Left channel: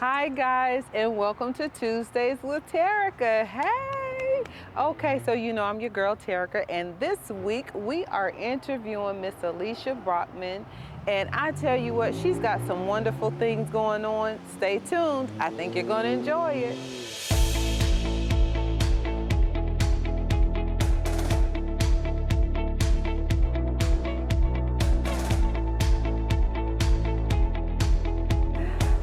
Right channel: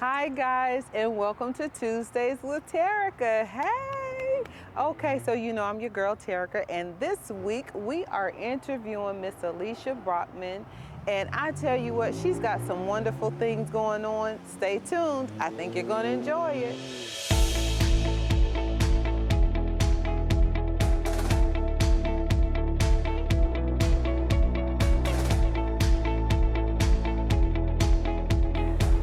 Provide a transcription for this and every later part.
Hi guys, and welcome to Tuesdays with Terica. Hey! Okay, so you know I'm your girl Terica, and this week we are interviewing Miss Alecia Brockman. And I tell you what, she's got some wonderful things going on. Stay tuned. I think you're going to enjoy it.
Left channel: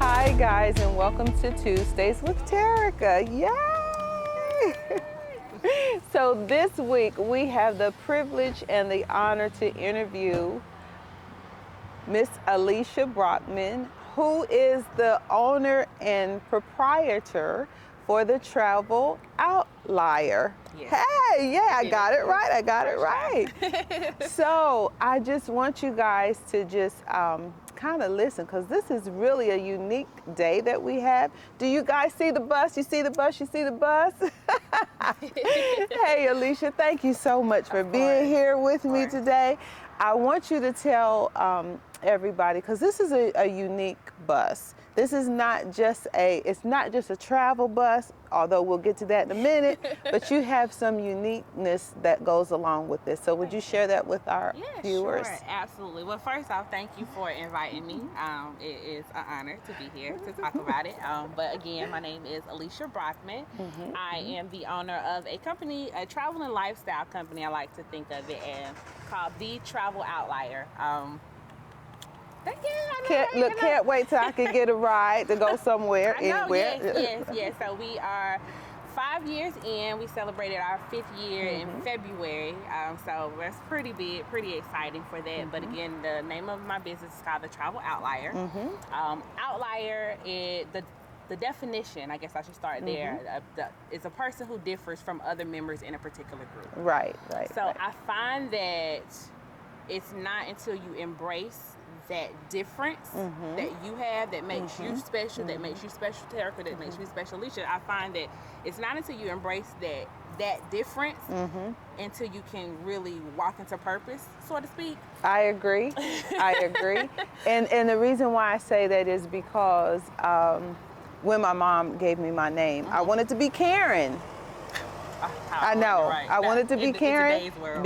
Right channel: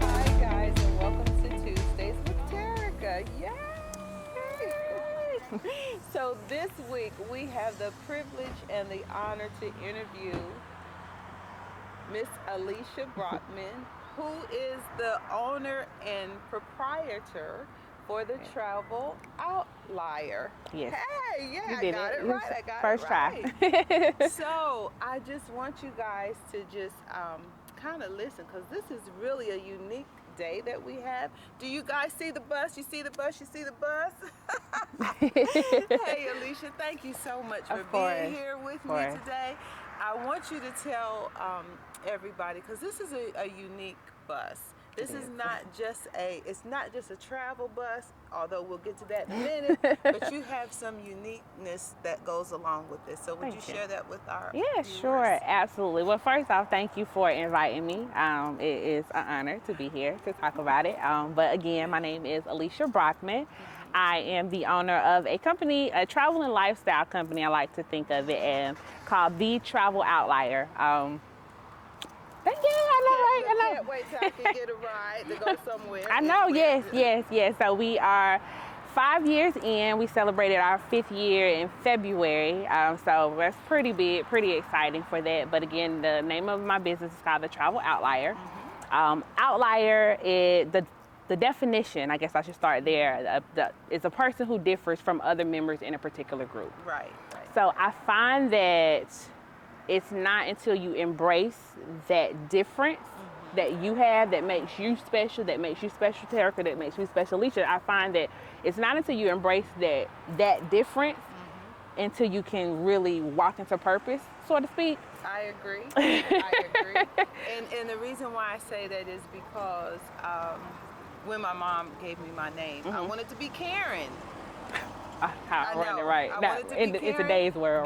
Hi guys, and welcome to Tuesdays with Terica. Yay! So this week we have the privilege and the honor to interview Miss Alecia Brockman, who is the owner and proprietor for the Travel Outlier. Yes. Hey, yeah, I got it right. I got it right. Try. So I just want you guys to just kind of listen, because this is really a unique day that we have. Do you guys see the bus? You see the bus? You see the bus? Hey, Alecia, thank you so much for being here with me today. I want you to tell everybody, because this is a unique bus. This is not just it's not just a travel bus, although we'll get to that in a minute, but you have some uniqueness that goes along with this. So would you share that with our viewers? Sure, absolutely. Well, first off, thank you for inviting me. It is an honor to be here to talk about it. But again, my name is Alecia Brockman. I am the owner of a company, a travel and lifestyle company, I like to think of it as, called the Travel Outlier. Can't wait till I can get a ride to go somewhere. I know, yes. So we are 5 years in. We celebrated our 5th year in February. So that's pretty big, pretty exciting for that. But again, the name of my business is called the Travel Outlier. Outlier is the definition, I guess I should start there, is a person who differs from other members in a particular group. Right. So I find that it's not until you embrace that difference that you have that makes you special, Terica, that makes you special, Alecia. I find that it's not until you embrace that difference until you can really walk into purpose, so to speak. I agree. And the reason why I say that is because when my mom gave me my name, I wanted to be Karen. I know. I wanted to be Karen in today's world,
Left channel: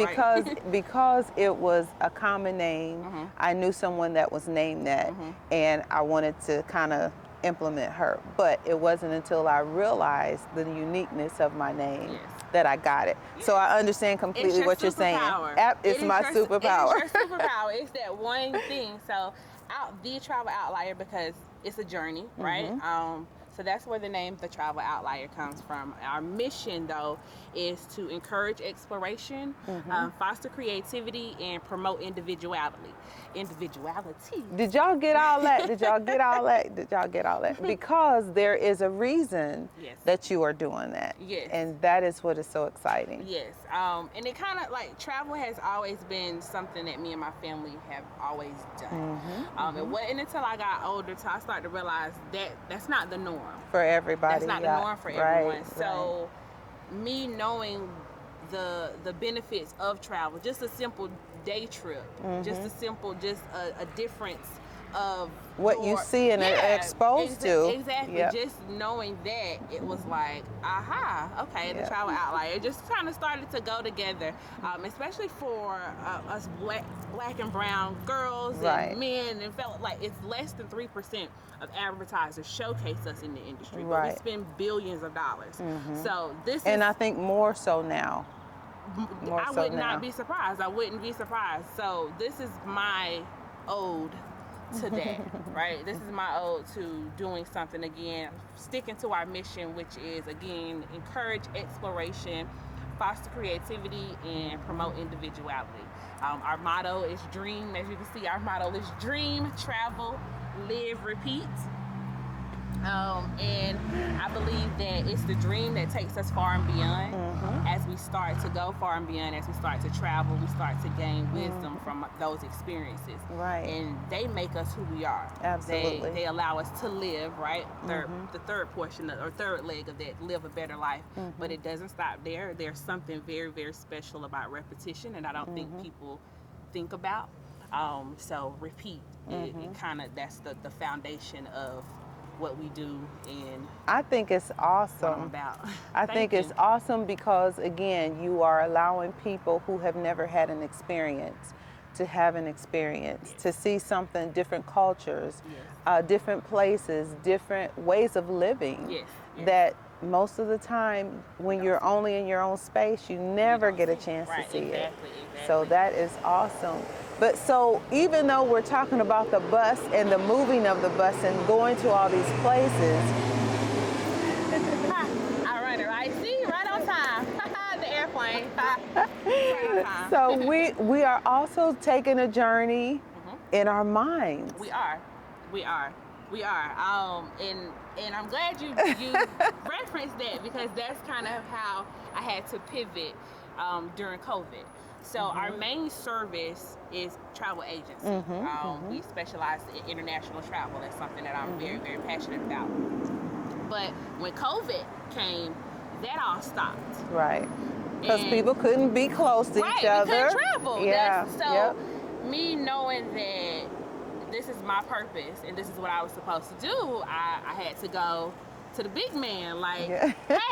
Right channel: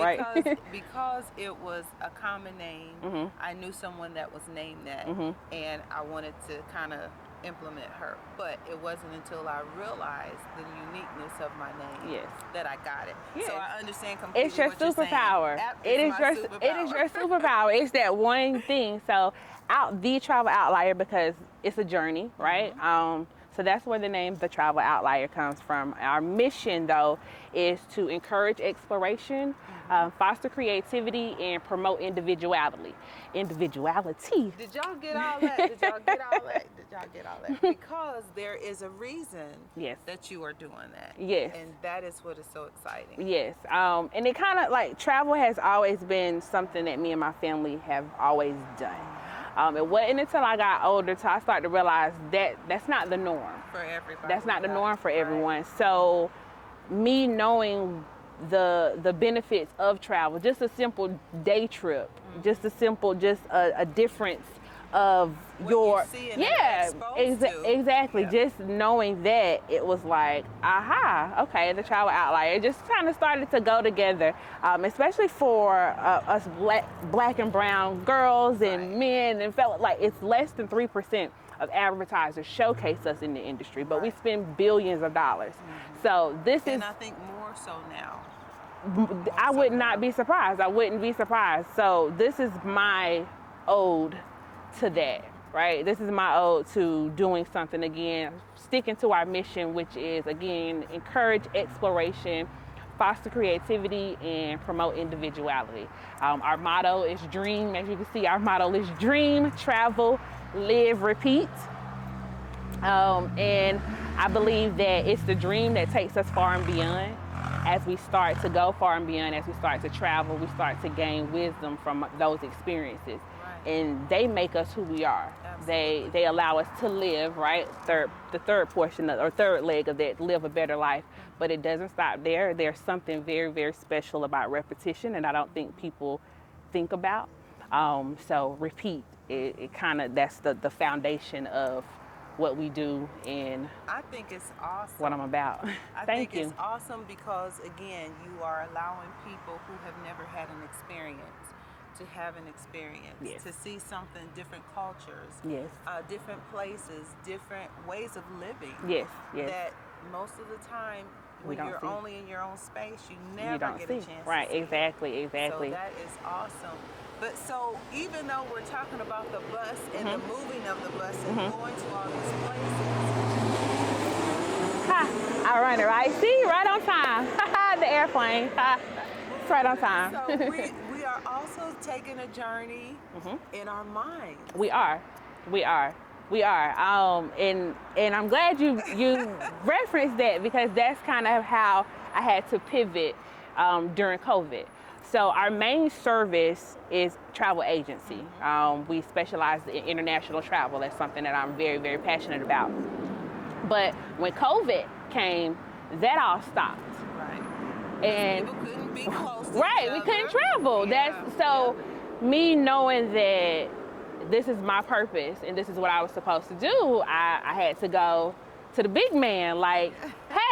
because it was a common name. I knew someone that was named that, and I wanted to kind of implement her. But it wasn't until I realized the uniqueness of my name that I got it. So I understand completely what you're saying. It's my superpower. It is your superpower. It's that one thing. So the Travel Outlier, because it's a journey, right? So that's where the name The Travel Outlier comes from. Our mission, though, is to encourage exploration, foster creativity, and promote individuality. Did y'all get all that? Because there is a reason that you are doing that. Yes. And that is what is so exciting. Yes. And it kind of like travel has always been something that me and my family have always done. It wasn't until I got older till I started to realize that that's not the norm. For everybody. That's not the norm for everyone. So me knowing the benefits of travel, just a simple day trip, just a difference of what you see and are exposed to. Exactly. Just knowing that, it was like, aha, okay, the Travel Outlier. It just kind of started to go together, especially for us black and brown girls and men, and felt like it's less than 3% of advertisers showcase us in the industry, but we spend billions of dollars. So this and I think more so now. I would not be surprised. I wouldn't be surprised. So this is my ode to that, right? This is my ode to doing something again, sticking to our mission, which is, again, encourage exploration, foster creativity, and promote individuality. Our motto is dream. As you can see, our motto is dream, travel, live, repeat. And I believe that it's the dream that takes us far and beyond. As we start to go far and beyond, as we start to travel, we start to gain wisdom from those experiences. And they make us who we are. Absolutely. They allow us to live, right? The third portion or third leg of that, live a better life. But it doesn't stop there. There's something very, very special about repetition, and I don't think people think about. So repeat. It kind of, that's the foundation of what we do and I think it's awesome. what I'm about. I think it's awesome because, again, you are allowing people who have never had an experience to have an experience, Yes. to see something, different cultures, Yes. different places, different ways of living. Yes. Yes. That most of the time, when don't you're see. only in your own space, you never don't get a see. chance Right, to see exactly, it. exactly. So that is awesome. But so even though we're talking about the bus and the moving of the bus and going to all these places, I run it right. See, right on time. The airplane. Right on time. so we are also taking a journey in our minds. We are. And I'm glad you referenced that, because that's kind of how I had to pivot during COVID. So our main service is travel agency. We specialize in international travel. That's something that I'm very, very passionate about. But when COVID came, that all stopped. Right. Because people couldn't be close to each other. We couldn't travel. Yeah. Me knowing that this is my purpose and this is what I was supposed to do, I had to go to the big man, like,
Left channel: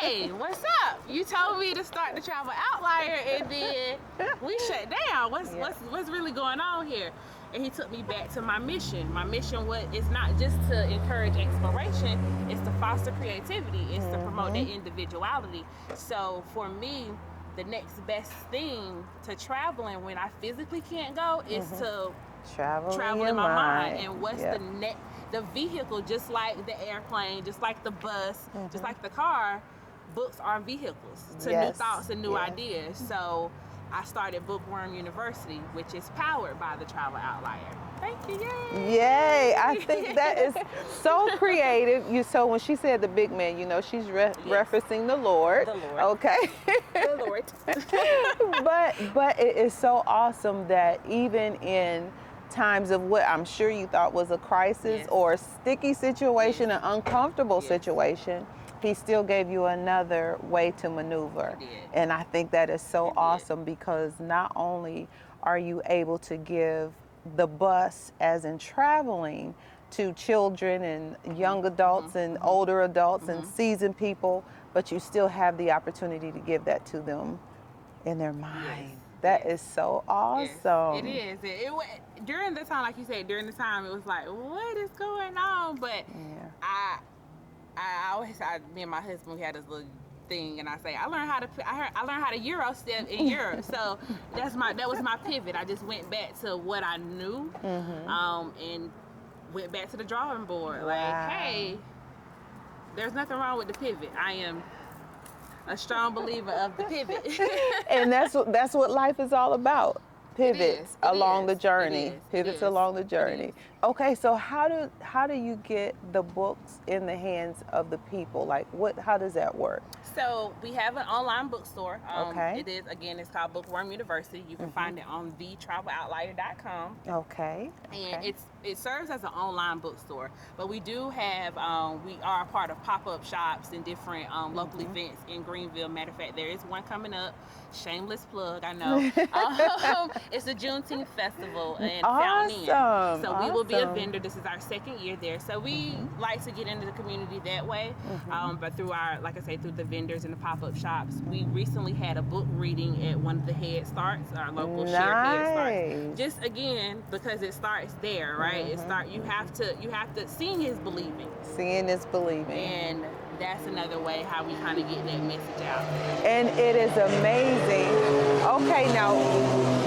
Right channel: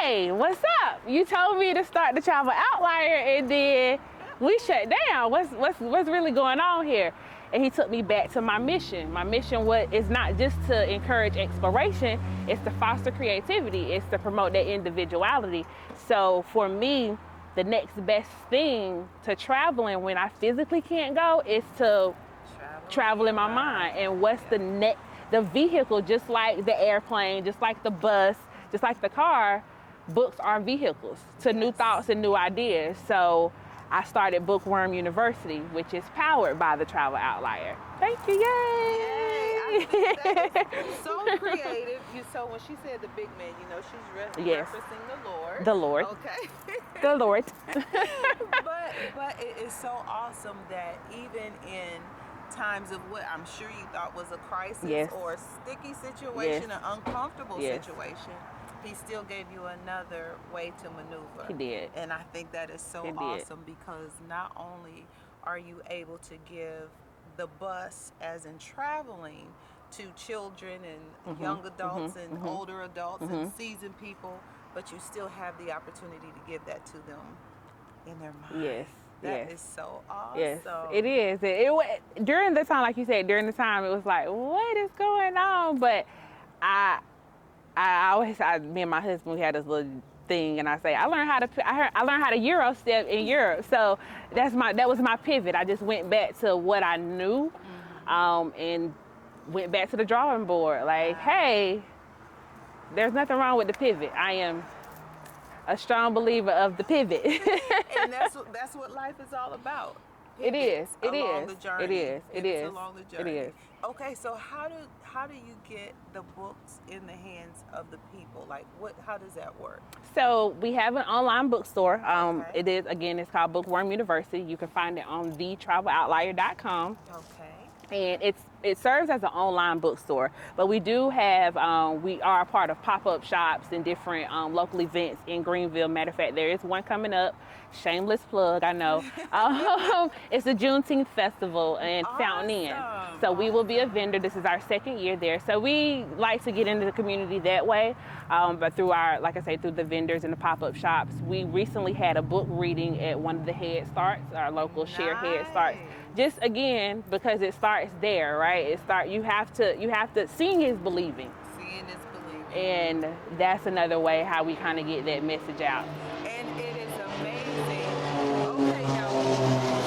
hey, what's up? You told me to start the Travel Outlier and then we shut down. What's really going on here? And he took me back to my mission. My mission is not just to encourage exploration, it's to foster creativity, it's to promote that individuality. So for me, the next best thing to traveling when I physically can't go is to travel in my mind. And what's the vehicle, just like the airplane, just like the bus, just like the car, books are vehicles to new thoughts and new ideas. So I started Bookworm University, which is powered by the Travel Outlier. Thank you, yay! Yay! I think that is so creative. So when she said the big man, she's referencing the Lord. The Lord. Okay. The Lord. but it is so awesome that even in times of what I'm sure you thought was a crisis or a sticky situation, an uncomfortable situation, he still gave you another way to maneuver. He did. And I think that is so awesome, because not only are you able to give the bus, as in traveling, to children and young adults and older adults and seasoned people, but you still have the opportunity to give that to them in their mind. Yes. That is so awesome. Yes, it is. It during the time, like you said, during the time, it was like, what is going on? But I always, me and my husband, we had this little thing, and I say, I learned how to Euro step in Europe. So that was my pivot. I just went back to what I knew, and went back to the drawing board. Like, hey, there's nothing wrong with the pivot. I am a strong believer of the pivot. And that's what life is all about. Pivots along the journey. Pivots along the journey. Okay, so how do you get the books in the hands of the people? Like, how does that work? So we have an online bookstore. It's called Bookworm University. You can find it on thetraveloutlier.com. Okay. And it serves as an online bookstore, but we do have, we are a part of pop-up shops and different local events in Greenville. Matter of fact, there is one coming up. Shameless plug, I know. It's the Juneteenth Festival in Fountain Inn. So we will be a vendor. This is our second year there. So we like to get into the community that way. But through through the vendors and the pop-up shops. We recently had a book reading at one of the Head Starts, our local shared Head Starts. Just again, because it starts there, right? You have to, seeing is believing. Seeing is believing. And that's another way how we kind of get that message out. And it is amazing. Okay, now,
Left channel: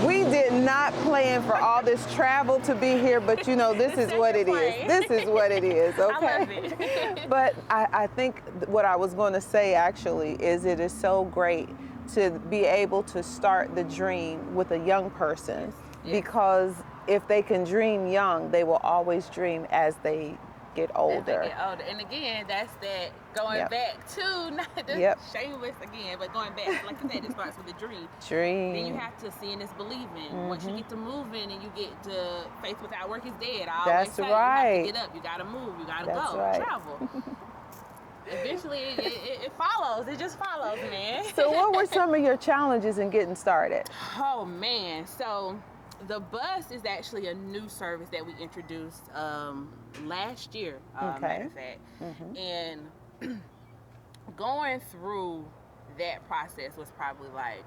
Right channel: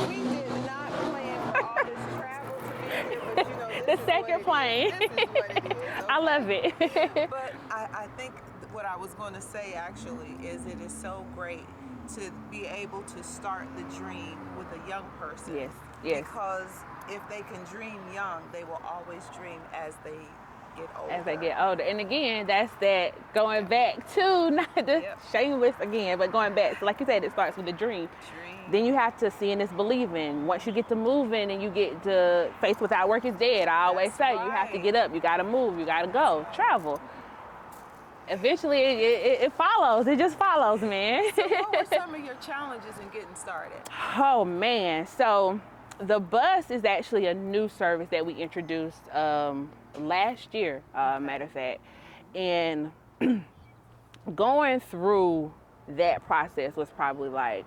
we did not plan for all this travel to be here, but this is what it is. This is what it is. Okay? I love it. But I think what I was going to say actually is it is so great to be able to start the dream with a young person. Yes. Because if they can dream young, they will always dream as they get older. As they get older. And again, that's that going back to, not just shameless again, but going back. So like you said, it starts with a dream. Then you have to see, and it's believing. Once you get to moving and you get to faith without work is dead. I always say you have to get up, you got to move, you got to go, travel. Eventually, it follows. It just follows, man. So what were some of your challenges in getting started? Oh, man. So the bus is actually a new service that we introduced last year, Okay. matter of fact. And going through that process was probably like,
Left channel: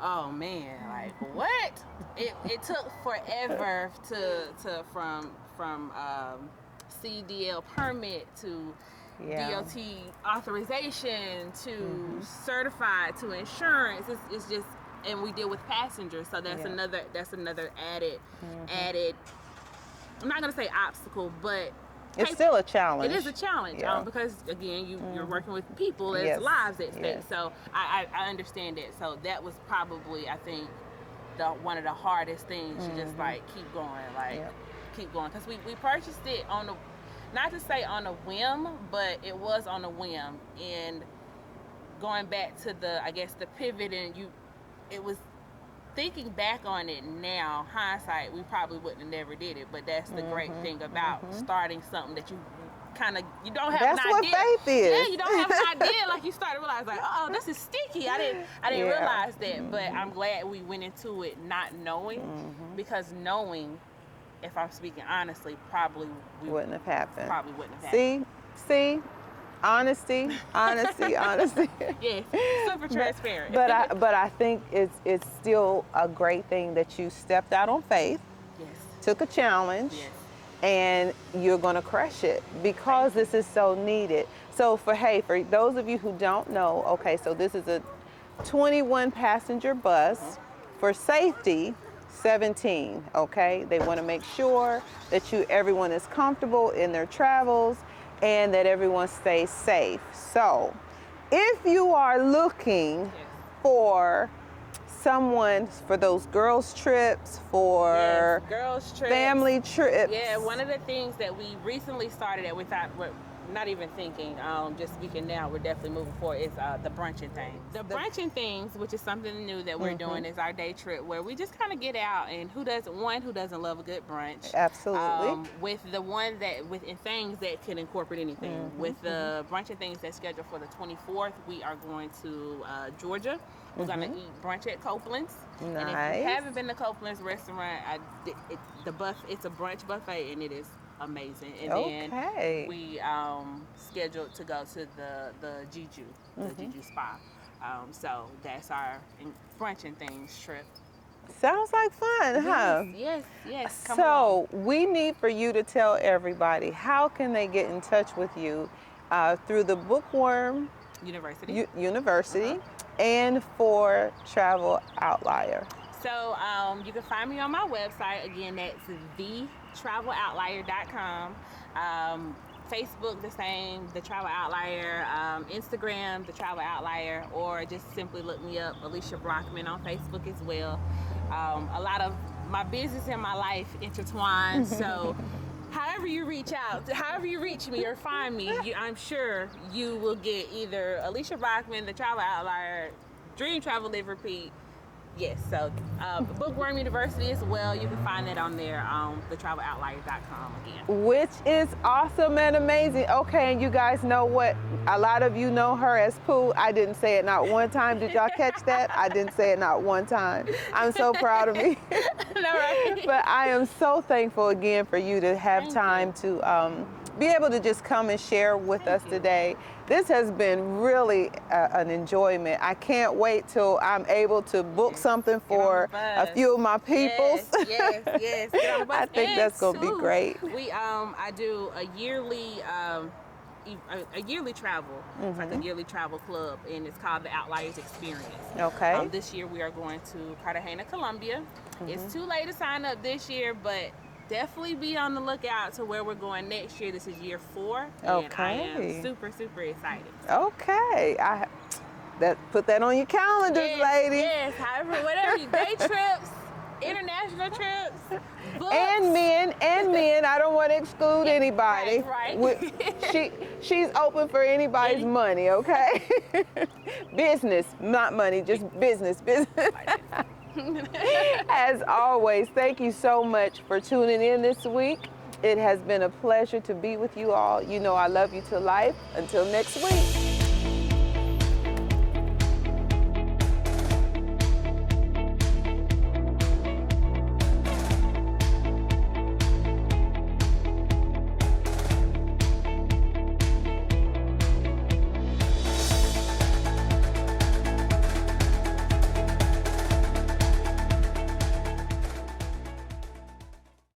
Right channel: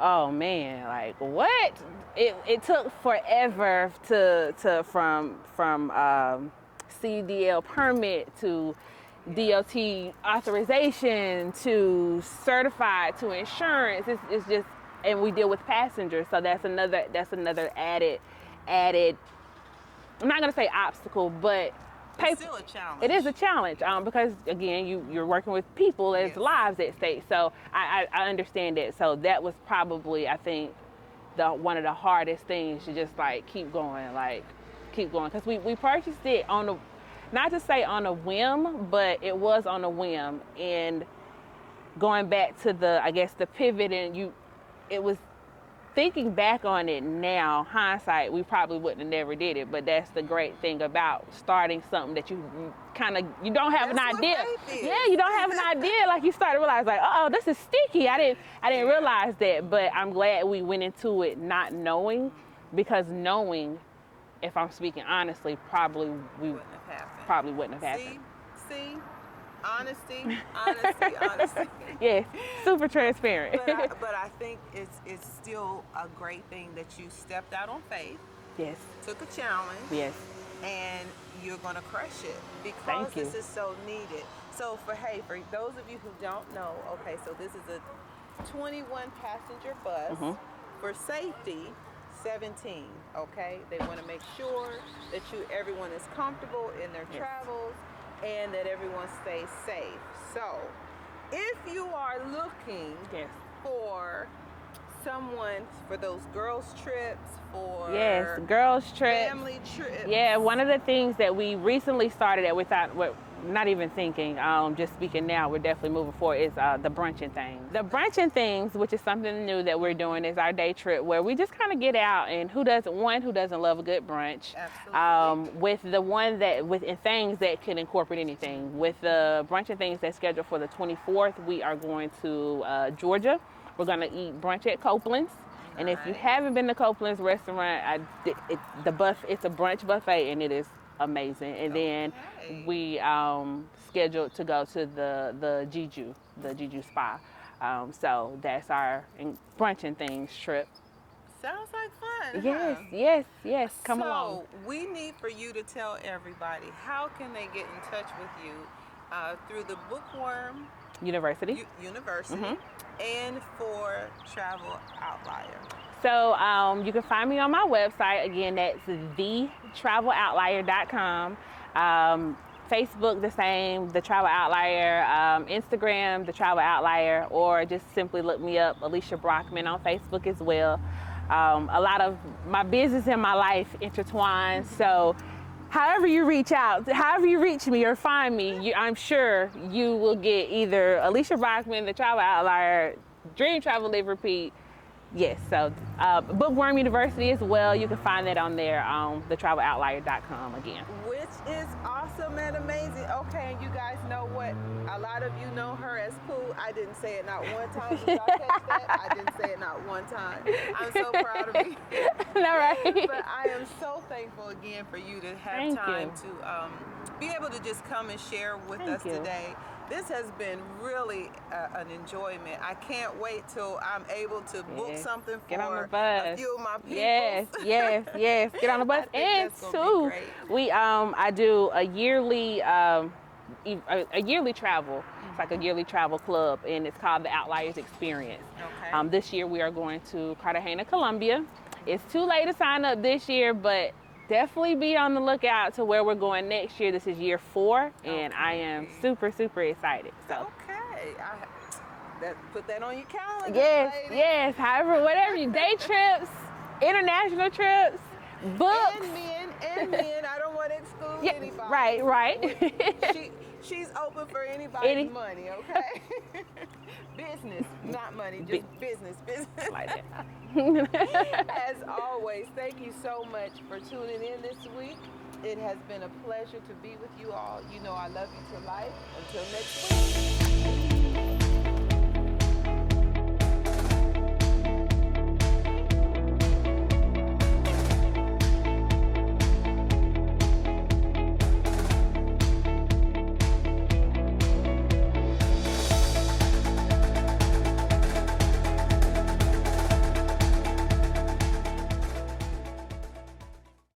oh man, like what? It took forever from CDL permit to DOT authorization to certified to insurance. It's just, and we deal with passengers, so that's another added. I'm not gonna say obstacle, but it's still a challenge. It is a challenge because again, you're working with people, there's lives at stake. So I understand that. So that was probably, I think, one of the hardest things to just like keep going, because we purchased it on a, not to say on a whim, but it was on a whim. And going back to the pivot, and it was, thinking back on it now, hindsight, we probably wouldn't have never did it. But that's the great thing about starting something that you don't have That's an idea. What faith is. Yeah, you don't have an idea. Like you start to realize, like, oh, this is sticky. I didn't realize that. But I'm glad we went into it not knowing, because knowing, if I'm speaking honestly, probably wouldn't have happened. Probably wouldn't have happened. See. Honesty. Yes, super transparent. But I think it's still a great thing that you stepped out on faith. Yes. Took a challenge. Yes. And you're gonna crush it because this is so needed. So for those of you who don't know, okay, so this is a 21 passenger bus for safety. 17. Okay, they want to make sure that everyone is comfortable in their travels, and that everyone stays safe. So if you are looking for someone for those girls trips, for girls trips, family trips. Yeah, one of the things that we recently started at without not even thinking, just speaking now, we're definitely moving forward, is the brunching things. The brunching things, which is something new that we're doing, is our day trip where we just kind of get out, and who doesn't love a good brunch? Absolutely. With the one that, in things that can incorporate anything. With the brunching things that's scheduled for the 24th, we are going to Georgia. We're going to eat brunch at Copeland's. Nice. And if you haven't been to Copeland's restaurant, it's a brunch buffet, and it is amazing. And then we scheduled to go to the Jeju, Jeju spa. So that's our brunching things trip. Sounds like fun, huh? Yes. Come along. We need for you to tell everybody, how can they get in touch with you through the Bookworm University. And for Travel Outlier. So you can find me on my website. Again, that's thetraveloutlier.com. Facebook, the same, The Travel Outlier. Instagram, The Travel Outlier, or just simply look me up, Alecia Brockman, on Facebook as well. A lot of my business and my life intertwined, so however you reach me or find me, I'm sure you will get either Alecia Brockman, The Travel Outlier, Dream Travel Live Repeat. Yes, so Bookworm University as well. You can find that on there, thetraveloutlier.com again. Which is awesome and amazing. Okay, and you guys know what? A lot of you know her as Pooh. I didn't say it not one time. Did y'all catch that? I didn't say it not one time. I'm so proud of me. All right. But I am so thankful again for you to have time to be able to just come and share with us today. This has been really an enjoyment. I can't wait till I'm able to book something for a few of my peoples. Yes. Get on the bus. I think that's going to be great. I do a yearly travel. It's like a yearly travel club, and it's called the Outliers Experience. Okay. This year we are going to Cartagena, Colombia. It's too late to sign up this year, but definitely be on the lookout to where we're going next year. This is year 4, and I am super, super excited. Okay. Put that on your calendars, ladies. Yes, however, whatever you, day trips, international trips, books. And men. I don't want to exclude anybody. Right. She's open for anybody's money, okay? Business, not money, just business. As always, thank you so much for tuning in this week. It has been a pleasure to be with you all. You know I love you to life. Until next week.